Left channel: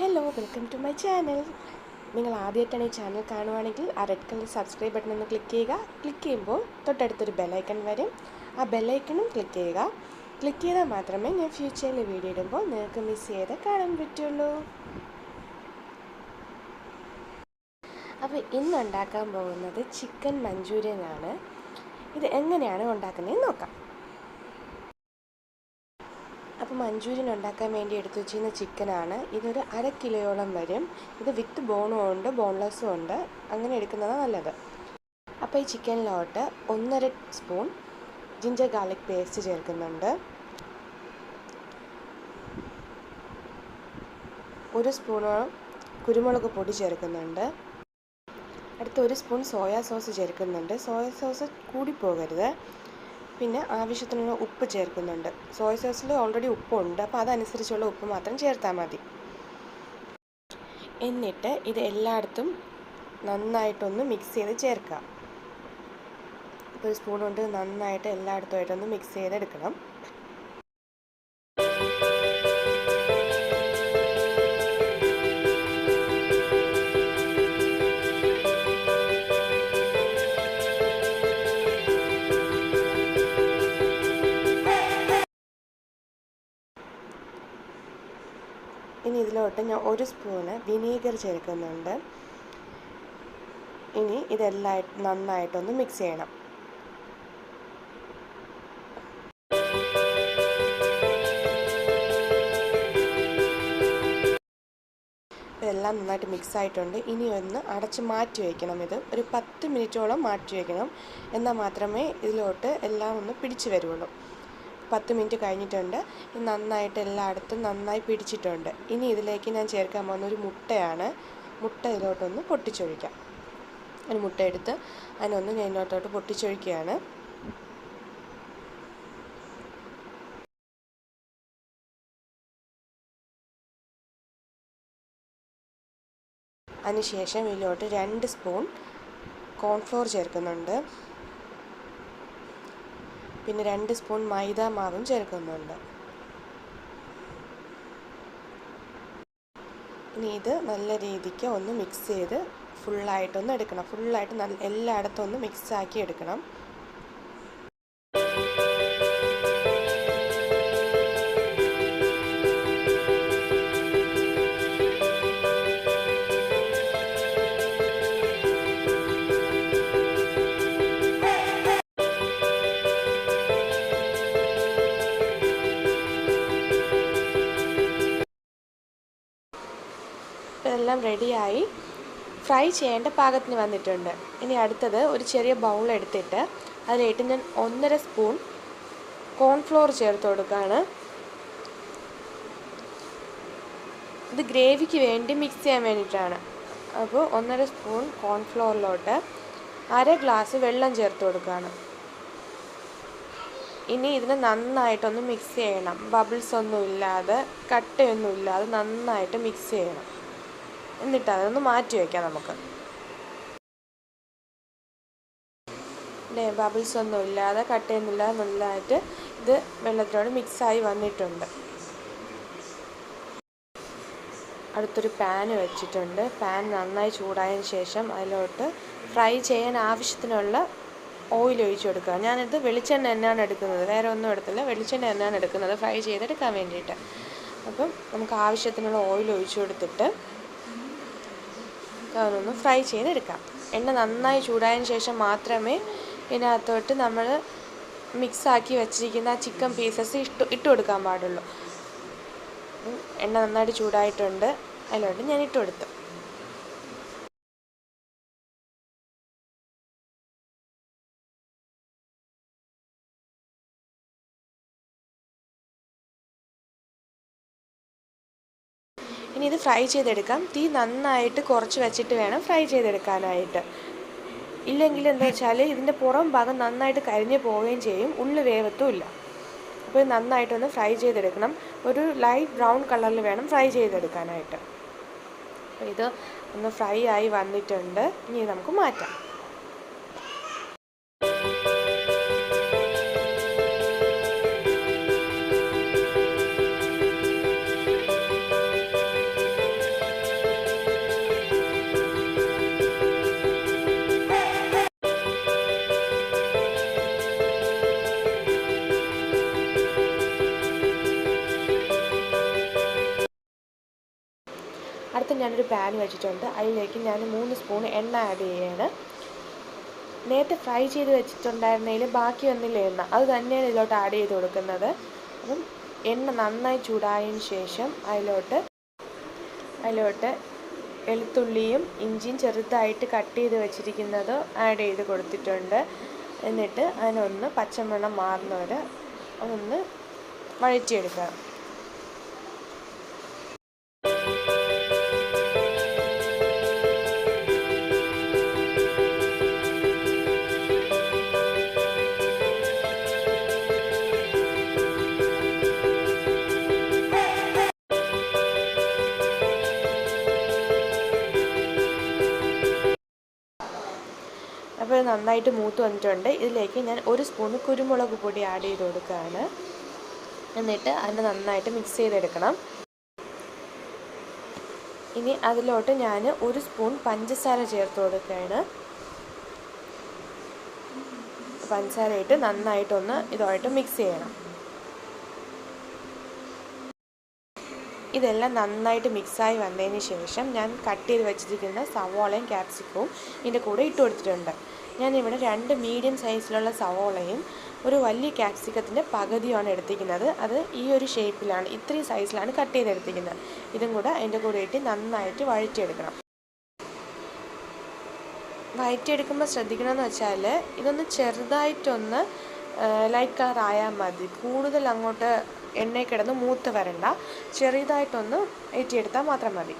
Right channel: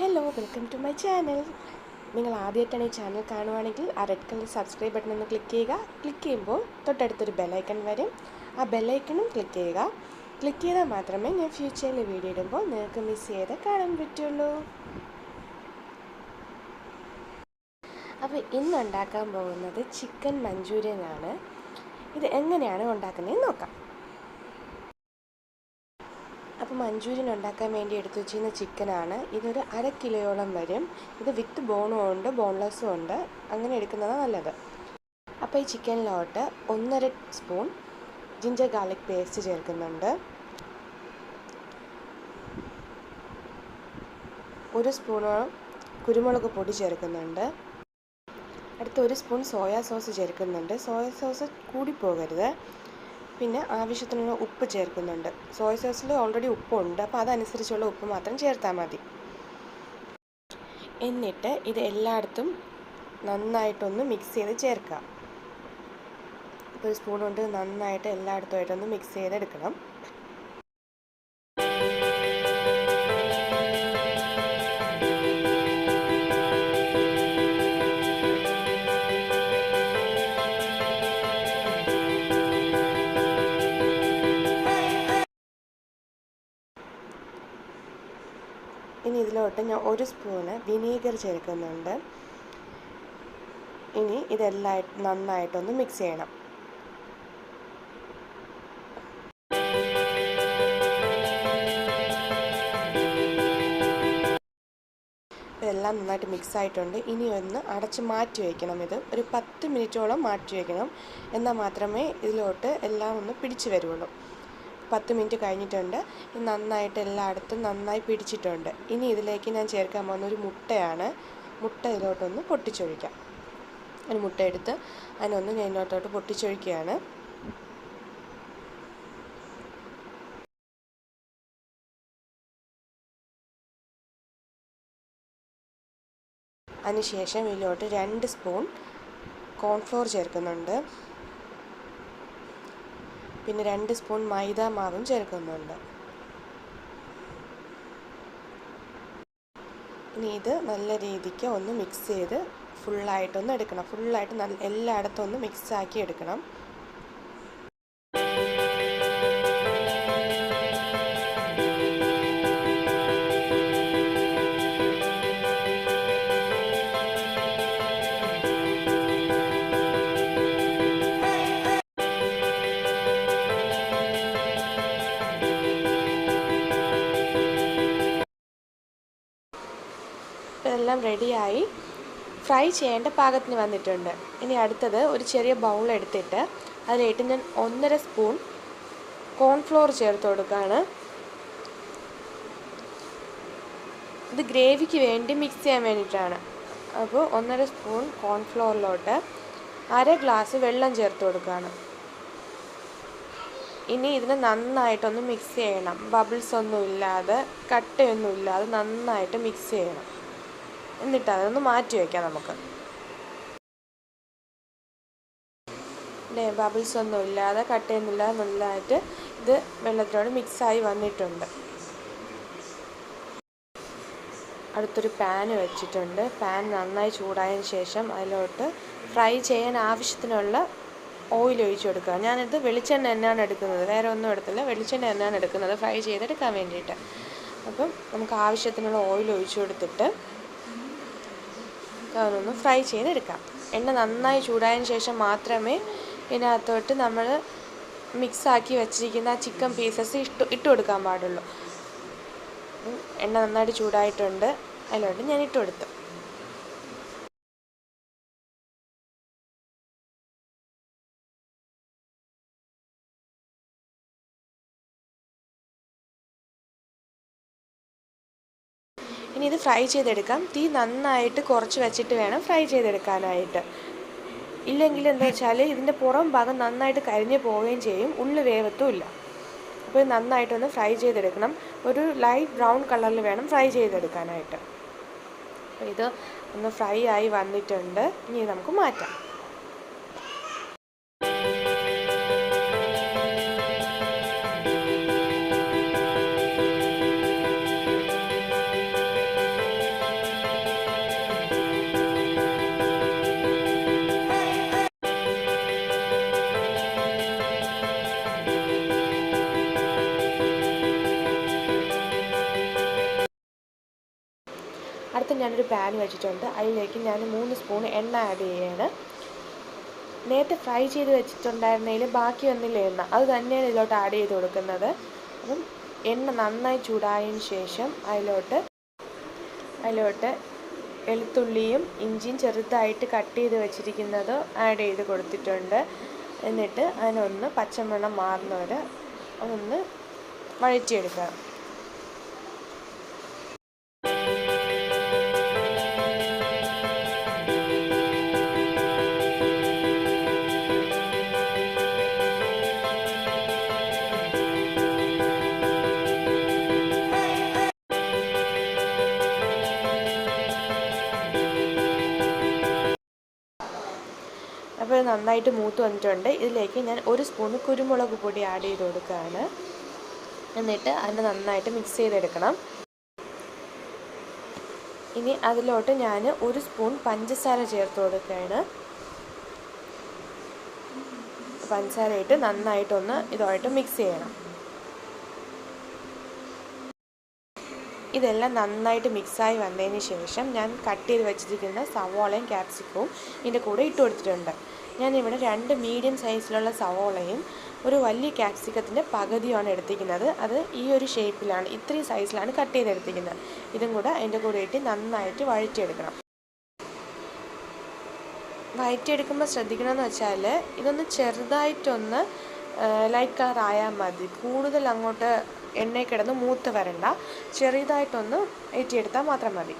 Hello, welcome to my channel. നിങ്ങൾ ആദ്യമായിട്ടാണ് ഈ ചാനൽ കാണുവാണെങ്കിൽ ആ റെഡ് കളർ സബ്സ്ക്രൈബ് ബട്ടൺ ഒന്ന് ക്ലിക്ക് ചെയ്യുക. ക്ലിക്ക് ചെയ്യുമ്പോൾ തൊട്ടടുത്തൊരു ബെല്ലൈക്കൺ വരും. ആ ബെല്ലൈക്കണും ക്ലിക്ക് ചെയ്യുക. ക്ലിക്ക് ചെയ്താൽ മാത്രമേ ഞാൻ ഫ്യൂച്ചറിൽ വീഡിയോ ഇടുമ്പോൾ നിങ്ങൾക്ക് മിസ് ചെയ്ത് കാണാൻ പറ്റുള്ളൂ. അപ്പോൾ ഇന്ന് ഉണ്ടാക്കാൻ പോകുന്നത് ചിക്കൻ മഞ്ചൂരിയൻ ആണ്. ഇത് എങ്ങനെയാണ് ഉണ്ടാക്കുന്നതെന്ന് നോക്കാം. അപ്പോൾ മഞ്ചൂരിയൻ ഉണ്ടാക്കാൻ വേണ്ടി എടുത്തു വെച്ചിരുന്ന ചിക്കനാണ്. ഇതൊരു 1/2 കിലോയോളം വരും. ഇത് വിത്ത് ബോണും ഉണ്ട്, ബോൺലെസ്സും ഉണ്ട്. അങ്ങനെ എടുക്കുന്നതാണ് നല്ലത്. അപ്പോൾ ഈ ചിക്കനിലോട്ട് 1.5 സ്പൂൺ ജിഞ്ചർ ഗാർലിക് പേസ്റ്റ് ചേർക്കുന്നുണ്ട്. 1 സ്പൂണോളം കുരുമുളക് പൊടി ചേർക്കുന്നുണ്ട്. അടുത്ത 1 സ്പൂൺ സോയാ സോസ് ചേർക്കുന്നുണ്ട്. സോയാ സോസ് കൂടിപ്പോകരുത്. പിന്നെ ആവശ്യത്തിനുള്ള ഉപ്പ് ചേർക്കുന്നുണ്ട്. സോയ സോസിൽ ഓൾറെഡി ഉപ്പുണ്ട്, അപ്പോൾ അതനുസരിച്ചുള്ള ഉപ്പ് മാത്രം ചേർത്താൽ മതി. എന്നിട്ട് ഇത് എല്ലായിടത്തും നന്നായിട്ടൊന്ന് മിക്സ് ചെയ്ത് ചേർക്കാം. ഇപ്പോൾ 1 സ്പൂൺ കൊണ്ട് നന്നായിട്ട് എല്ലായിടത്തുമായിട്ടൊന്ന് മിക്സ് ചെയ്തെടുക്കണം. ഇനി ഇതിലോട്ട് ഞാൻ 1 സ്പൂണ് വിനീഗർ ചേർക്കുന്നുണ്ട്. ഇനി ഇതെല്ലാം നന്നായിട്ടൊന്ന് മിക്സ് ചെയ്യണം. ഇതെല്ലാം നന്നായിട്ട് മിക്സ് ആയിട്ടുണ്ട്. ഇനി ഒന്ന് അടച്ച് മാറ്റി വയ്ക്കണം. ഇത് ഒരു 10 മിനിറ്റോളം മാറ്റി വയ്ക്കണം. എന്നാൽ മാത്രമേ ഇതിലോട്ട് എല്ലാം ഒന്ന് പിടിച്ച് വരുള്ളൂ. 10 മിനിറ്റ് കഴിഞ്ഞിട്ടുണ്ട്. നന്നായിട്ട് എല്ലായിടത്തും നന്നായി പിടിച്ചിട്ടുണ്ട്. ഇനി ഇതിലേക്ക് ഞാൻ ചേർക്കാൻ പോകുന്ന ഒരു മുട്ടയാണ്. മുട്ട ഇതിലോട്ടൊന്ന് പൊട്ടിച്ചൊഴിക്കാം. ഒരു മുട്ട എടുത്ത് അതിനൊന്ന് ഞാൻ ഇതിലോട്ടോട്ട് പൊട്ടിച്ചൊഴിക്കുകയാണ്. അതിനുശേഷം ഇതിലോട്ട് 2 സ്പൂൺ കോൺഫ്ലോർ ചേർക്കുന്നുണ്ട്. പിന്നെ 2 സ്പൂൺ മൈദ മാവും ചേർക്കുന്നുണ്ട്. ഇനി ഇത് നല്ല രീതിക്ക് ഒന്ന് മിക്സ് ചെയ്ത് ഫുള്ളായിട്ടൊന്ന് എടുക്കണം. ഫുള്ളായിട്ട് എല്ലായിടത്തും ഒന്ന് മിക്സാക്കി എടുക്കണം. ഇതെല്ലാം റെഡിയായി ഫ്രൈ ചെയ്യേണ്ട പാകത്തിന് വന്നിട്ടുണ്ട്. ഇനി അടുത്തത് ഒരു ചെറിയ ബൗൾ എടുത്തിട്ട് അതിലേക്ക് ഞാൻ 1.5 സ്പൂൺ കോൺഫ്ലോർ ചേർത്ത് കൊടുക്കുകയാണ്. ഇത് ഗ്രേവിക്ക് വേണ്ടി മിക്സ് ചെയ്യാൻ വേണ്ടിയിട്ടാണ്. അപ്പോൾ 1.5 സ്പൂൺ കോൺഫ്ലോറിലോട്ട് 1/2 ഗ്ലാസ് വെള്ളം ചേർത്ത് കൊടുക്കുകയാണ്. ഇനി ഇതിനെ നന്നായിട്ടൊന്ന് മിക്സ് ചെയ്യണം. ബബിൾസ് ഒന്നും ഇല്ലാതെ, കട്ടയൊന്നും ഇല്ലാതെ നന്നായിട്ട് മിക്സ് ചെയ്യണം. എന്നിട്ട് അതൊന്ന് മാറ്റി വയ്ക്കാം നമുക്ക്. ബബിൾസ് ഒന്നും ഇല്ലാതെ, കട്ടയൊന്നും ഇല്ലാതെ നല്ലതായിട്ട് ഇത് വെള്ളത്തിനോട് മിക്സായി വന്നിട്ടുണ്ട്. അടുത്തൊരു പാൻ വെച്ചിട്ടുണ്ട്. പാൻ നന്നായി ചൂടായതിന് ശേഷം അതിലോട്ട് ഫ്രൈ ചെയ്യാൻ ആവശ്യത്തിനുള്ള ഓയിൽ ഒഴിച്ചു കൊടുക്കുക. ഞാനിത് വെളിച്ചെണ്ണ തന്നെയാണ് എടുക്കുന്നത്, വേറെ ഒന്നും എടുത്തില്ല. വെളിച്ചെണ്ണ തന്നെയാണ് എടുക്കുന്നത് ഫ്രൈ ചെയ്തെടുക്കാൻ വേണ്ടിയിട്ട്. അപ്പം നമുക്ക് ആവശ്യത്തിനുള്ള ഓയിൽ ഒഴിച്ചു കൊടുത്തിട്ട് അതൊന്ന് ഫ്രൈ ചെയ്തെടുക്കാം. എണ്ണ നന്നായി ചൂടായതിന് ശേഷം മാത്രമേ ഇതിനകത്തോട്ട് നമ്മൾ മിക്സാക്കി വെച്ചിരിക്കുന്ന ആ ചിക്കൻ പീസസ് ഇട്ട് കൊടുക്കാൻ പാടുള്ളൂ. എണ്ണ നന്നായിട്ട് ചൂടായിട്ടുണ്ട്. അതിലോട്ട് ഞാൻ ഇട്ട് കൊടുത്തു. ഇനി ഇത് ഫ്രൈ ചെയ്തെടുക്കാം. തീ നന്നായിട്ട് കുറച്ച് വെച്ചിട്ട് വേണം ഫ്രൈ ചെയ്തെടുക്കാനായിട്ട്. ഇല്ലെങ്കിൽ എന്താ വെച്ചാൽ ഇതിൻ്റെ പുറം ഭാഗം നന്നായിട്ട് കരിഞ്ഞു പോവുകയും ചെയ്യും, ഉള്ളിൽ വേവത്തുമില്ല. അപ്പോൾ ഇത് നന്നായിട്ടൊന്ന് ഫ്രൈ ചെയ്തെടുക്കണം. ഒരു ലൈറ്റ് ബ്രൗൺ കളറിൽ വേണം ഫ്രൈ ചെയ്തെടുക്കാനായിട്ട്. അപ്പോൾ ഇത് ഒന്ന് ഫ്രൈ ആയി വന്നിട്ടുണ്ട്. ഇനി നമുക്ക് മാറ്റാം. അടുത്ത് ഞാനൊരു പാൻ വെച്ചിട്ടുണ്ട്. അതിലേക്ക് ഞാൻ 3 സ്പൂൺ എണ്ണ ആഡ് ചെയ്യുകയാണ്. നേരത്തെ ഫ്രൈ ചെയ്ത് വെച്ചിട്ടുണ്ടായിരുന്നതിൽ ബാക്കി വന്നില്ല എണ്ണ, അത് തന്നെയാണ് ഇതിലോട്ട് ആഡ് ചെയ്ത് കൊടുക്കുന്നത്. അപ്പം എണ്ണ നന്നായി ചൂടായതിന് ശേഷം അതിലോട്ട് വെളുത്തുള്ളിയും ഇഞ്ചിയും ചെറുതായിട്ട് കട്ട് ചെയ്ത് വെച്ചിരിക്കുന്നത് ആഡ് ചെയ്ത് കൊടുത്തിട്ടുണ്ട്. എന്നിട്ട് അതിനൊന്ന് പച്ചമണം മാറുന്നവരെ അതൊന്ന് വഴറ്റിയെടുക്കുക. അപ്പോൾ നന്നായിട്ട് മൂത്ത് വന്നിട്ടുണ്ട്. ഇതിലേക്ക് ഞാൻ 1 സ്പൂൺ കുരുമുളക് പൊടി ആഡ് ചെയ്ത് കൊടുക്കുകയാണ്. എന്നിട്ട് അതിനെ നന്നായിട്ട് മിക്സ് ചെയ്തെടുക്കണം. ഇനി അതിലോട്ട് ഞാൻ 1 സ്പൂൺ പഞ്ചസാര ചേർത്ത് കൊടുക്കുകയാണ്. പഞ്ചസാര ഇട്ട് നന്നായിട്ടൊന്ന് ഇതുമായിട്ട് മിക്സ് ചെയ്യണം. ഇതെല്ലാം നന്നായിട്ട് മിക്സായി വന്നതിന് ശേഷം ഞാൻ കട്ട് ചെയ്ത് വെച്ചിരിക്കുന്ന സവോളയും ക്യാപ്സിക്കവും ഇതിൻ്റെ കൂടെ ഇട്ട് കൊടുത്തിട്ടുണ്ട്. ഞാനിവിടെ 2 മീഡിയം സൈസിലുള്ള സവോളയും ഒരു വലിയ ക്യാപ്സിക്കത്തിൻ്റെ പകുതിയാണ് എടുത്തിരിക്കുന്നത്. അത് ഈ ഒരു ഷേപ്പിലാണ്, ഇത്രയും സൈസിലാണ് കട്ട് ചെയ്തെടുത്തിരിക്കുന്നത്. ഇതും കൂടെ അതിൻ്റെ കൂടെ ഇട്ട് നന്നായിട്ട് വഴറ്റിയെടുക്കണം. വഴറ്റിയെടുക്കുമ്പോൾ ശ്രദ്ധിക്കണമെന്ന് വെച്ചാൽ ഇതൊന്ന് ചെറുതായിട്ടൊന്ന് ലൈറ്റ് കളർ ആയാൽ മതി. കൂടുതൽ അങ്ങോട്ട് എണ്ണയിൽ കിടന്ന് മൂത്ത് വരണ്ട, ചെറുതായിട്ടൊന്ന് വഴറ്റിയെടുത്താൽ മാത്രം മതി.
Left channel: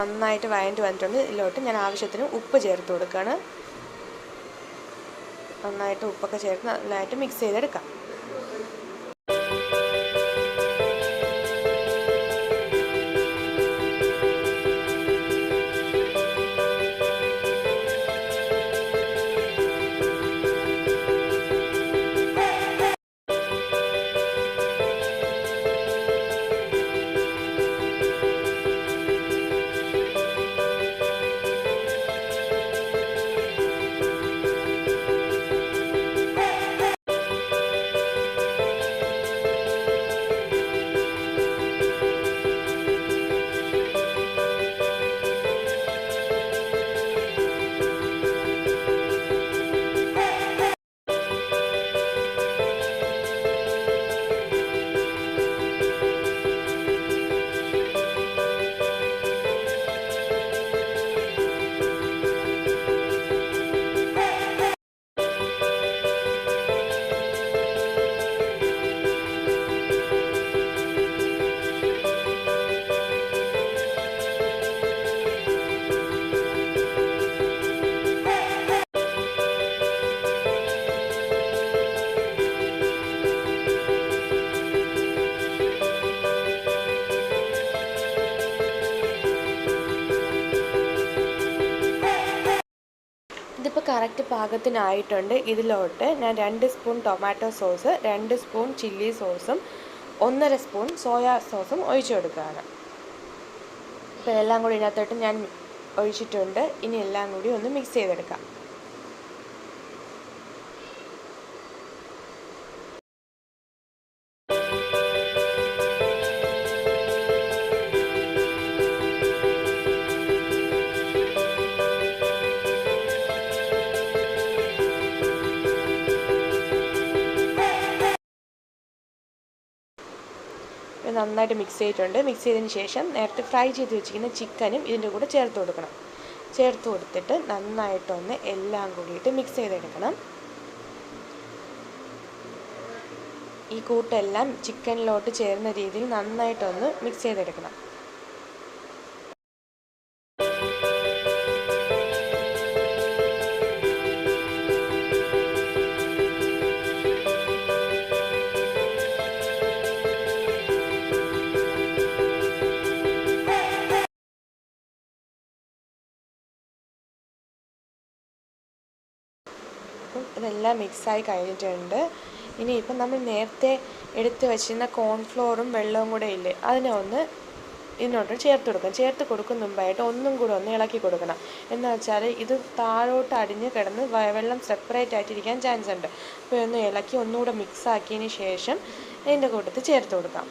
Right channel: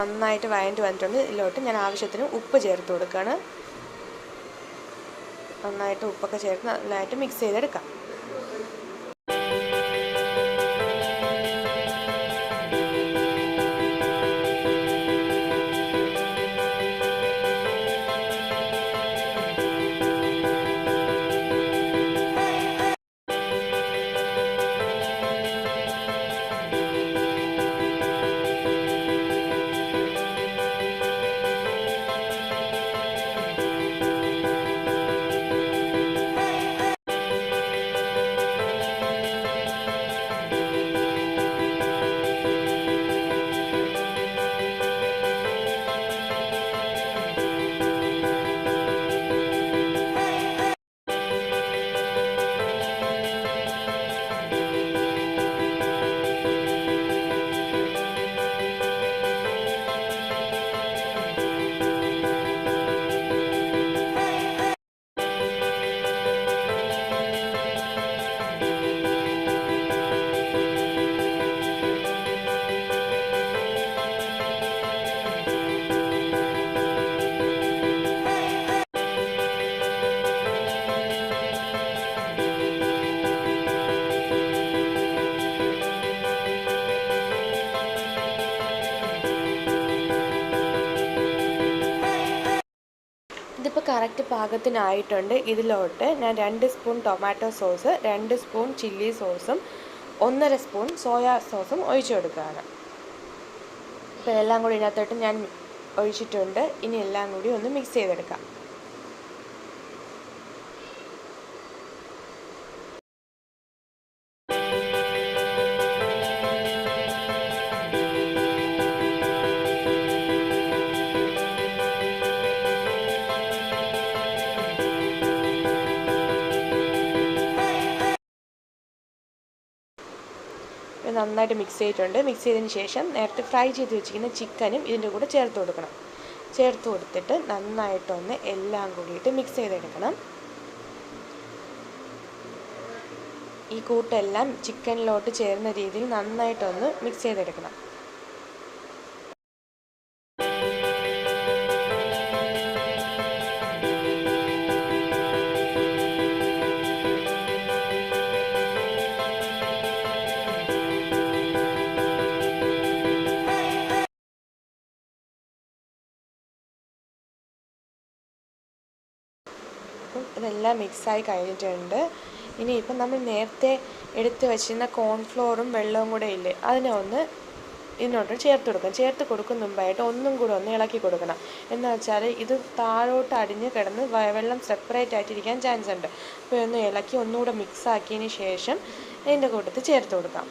നന്നായിട്ട് വഴറ്റി വന്നിട്ടുണ്ട്. ഇതിലോട്ട് ഞാൻ ആവശ്യത്തിന് ഉപ്പ് ചേർത്ത് കൊടുക്കുകയാണ്. നന്നായിട്ട് ഉപ്പൊക്കെ ചേർത്ത് നന്നായിട്ട് മിക്സ് ചെയ്തെടുക്കാം. ഇതിപ്പോൾ കറക്റ്റ് പാകത്തിനായിട്ടുണ്ട്. ഇതിലോട്ട് ഞാൻ 2 spoon tomato sauce, 2 spoon chilli സോസും 1.5 സ്പൂൺ സോയാ സോസും ഒഴിച്ചു കൊടുക്കുകയാണ്. ഇപ്പോൾ എല്ലാം കൂടി ഇതിനകത്തോട്ട് ഞാൻ ഒഴിച്ചിട്ടുണ്ട്. ഇനി എല്ലാം കൂടി ഒന്ന് മിക്സ് ചെയ്തെടുക്കാം. നന്നായിട്ട് മിക്സ് ചെയ്തിട്ടുണ്ട്. മിക്സ് ചെയ്തതിന് ശേഷം നേരത്തെ ഫ്രൈ ചെയ്ത് വെച്ചിരിക്കുന്ന ചിക്കനും ഇതിൻ്റെ കൂടെ ചേർത്ത് കൊടുക്കണം. ചേർത്ത് കൊടുത്തിട്ട് നന്നായിട്ടൊന്ന് എല്ലാം കൂടിയിട്ട് മിക്സ് ചെയ്തെടുക്കണം. ഈ കൂട്ടെല്ലാം ചിക്കനിലോട്ട് ചേരുന്ന രീതിയിൽ നന്നായിട്ടൊന്ന് മിക്സ് ചെയ്തെടുക്കണം. ഇതെല്ലാം മിക്സായി കഴിഞ്ഞിട്ടുണ്ട്. ഇനിയിപ്പം നമ്മൾ നേരത്തെ എടുത്ത് വച്ചിരുന്ന കോൺഫ്ലോറും വെള്ളവും കൂടെ ഇല്ലേ, അതിനെ ഒന്ന് ഇതിനോട്ട് ചേർത്ത് കൊടുക്കാം. ചേർത്ത് കൊടുക്കുന്ന മുമ്പായിട്ട് ഒന്നും കൂടെ ഒന്ന് ഇളക്കി കൊടുക്കണം. എന്ന് വെച്ചാൽ ഇത് താഴോട്ട് അടിഞ്ഞ് കിടന്ന് വെള്ളം സെപ്പറേറ്റ് ആയിട്ടിരിക്കാൻ ചാൻസ് ഉണ്ട്. അപ്പോൾ ഒന്ന് ഇളക്കി ഒന്നുകൂടെ മിക്സ് ആക്കിയതിന് ശേഷം ഇതിൻ്റെ കൂട്ടത്തിൽ ചേർത്ത് കൊടുക്കാം.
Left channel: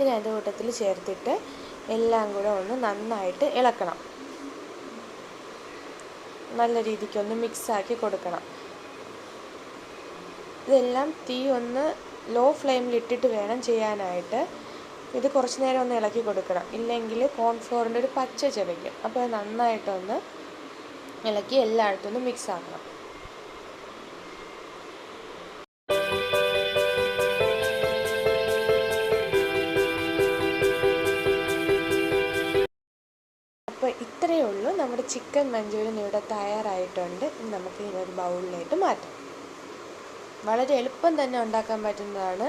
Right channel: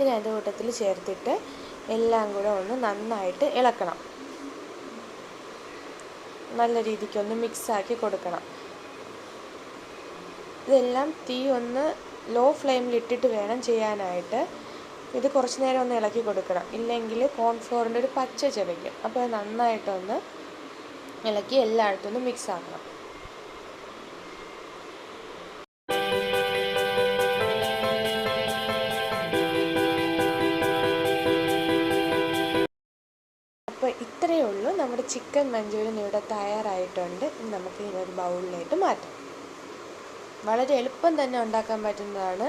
ഇനി അതിൻ്റെ കൂട്ടത്തിൽ ചേർത്തിട്ട് എല്ലാം കൂടെ ഒന്ന് നന്നായിട്ട് ഇളക്കണം. നല്ല രീതിക്കൊന്ന് മിക്സാക്കി കൊടുക്കണം. ഇതെല്ലാം തീ ഒന്ന് ലോ ഫ്ലെയിമിൽ ഇട്ടിട്ട് വേണം ചെയ്യാനായിട്ട്. ഇത് കുറച്ച് നേരം ഒന്ന് ഇളക്കി കൊടുക്കണം, ഇല്ലെങ്കിൽ കോൺഫ്ലോറിൻ്റെ ഒരു പച്ച ചവയ്ക്കും. അപ്പോൾ അത് നന്നായിട്ടൊന്ന് ഇളക്കി എല്ലായിടത്തും ഒന്ന് മിക്സ് ആക്കണം. അപ്പോൾ ഇത്രയേ ഉള്ളൂ, നമ്മുടെ ചിക്കൻ മഞ്ചൂരിയൻ ഇവിടെ തയ്യാറായിട്ടുണ്ട്. ഇനി നമുക്ക് ഇതിനൊരു ബൗളിലേക്ക് മാറ്റാം. വളരെ എളുപ്പം തന്നെ ഉണ്ടാക്കാൻ പറ്റുന്നതാണ്.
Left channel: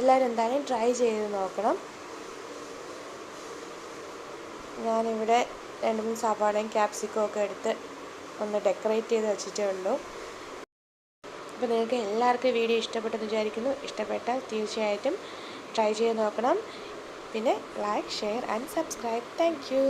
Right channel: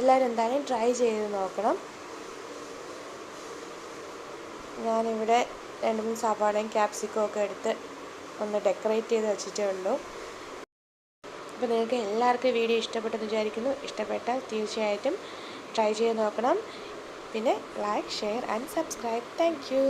എല്ലാവരും എന്തായാലും ട്രൈ ചെയ്ത് നോക്കണം. ഞാനിവിടെ 2-3 സവാളയും ക്യാപ്സിക്കവും ഒക്കെ എടുത്ത് ഒന്ന് ഡെക്കറേറ്റ് ചെയ്ത് വെച്ചിട്ടേ ഉള്ളൂ. അപ്പോൾ നിങ്ങൾക്ക് എല്ലാവർക്കും വീഡിയോ ഇഷ്ടപ്പെട്ടെന്ന് വിചാരിക്കുന്നു. ഇഷ്ടപ്പെട്ടാൽ തീർച്ചയായിട്ടും ട്രൈ ചെയ്ത് നോക്കണം. പിന്നെ like, share and subscribe. Thank you.